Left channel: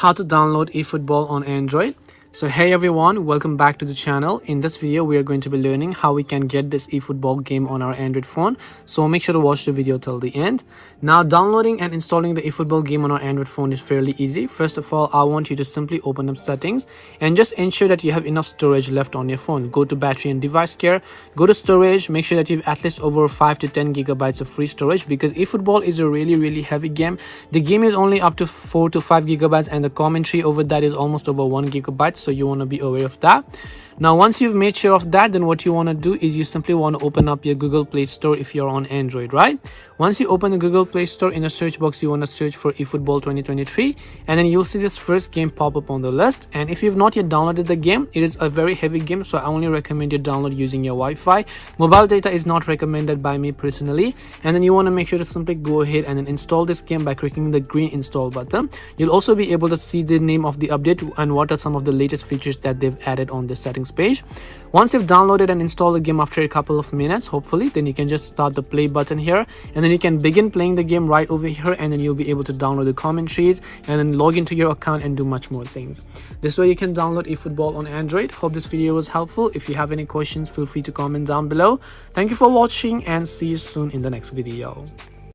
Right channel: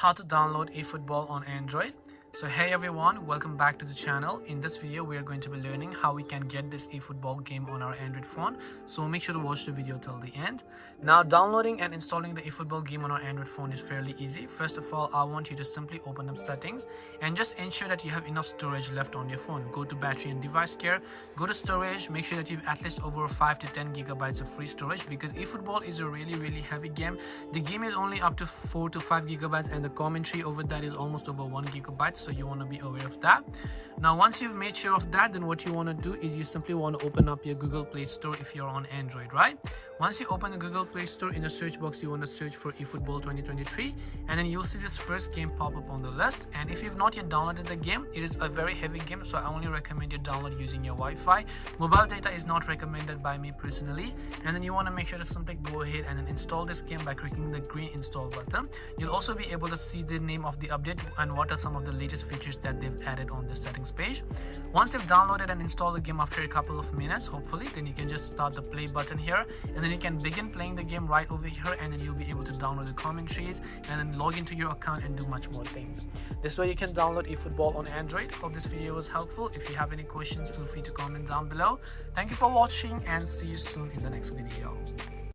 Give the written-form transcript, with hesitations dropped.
How to download eFootball on Android. So hey everyone, welcome back to the channel. In this video we are going to be learning how we can get this eFootball game on our Android phone, so make sure to watch the video till the end. Now downloading and installing the eFootball game on our Android phone is fairly easy. First of all, I want you to simply open up settings and just ensure that you have enough storage left on your phone. Go to battery and device care, go to storage, make sure that you have at least over 5 to 10 gigabytes of free storage, because eFootball is a really heavy game. The game is only up to 4 to 5 gigabytes and the commentary over that is almost over 1 gigabyte, so you want to be aware of that. Now once you've made sure of that, then what you want to do is you simply want to open up your Google Play Store if you're on Android, right? Once you open the Google Play Store, in the search box you want to search for eFootball 2023, and then you'll see this first game pop up on the list. And if you've not yet downloaded the game, it is a very heavy game, so I only recommend you download using your Wi-Fi. Mobile data is not recommended by me personally. And then you want to make sure to simply go ahead and then install this game by clicking the green install button. You'll also be able to see the name of the update and what are some of the latest features that they've added on the settings page. Once you've downloaded and installed the game after a couple of minutes, hopefully, then you can just start the play button here, and then you can begin playing the game right over here, and then you'll be able to download the commentaries and then log into your account and do much more things. This way you can download eFootball on Android. Hope this video was helpful. If you have any questions, feel free to comment down below. Thank you for watching and see you soon in the next video.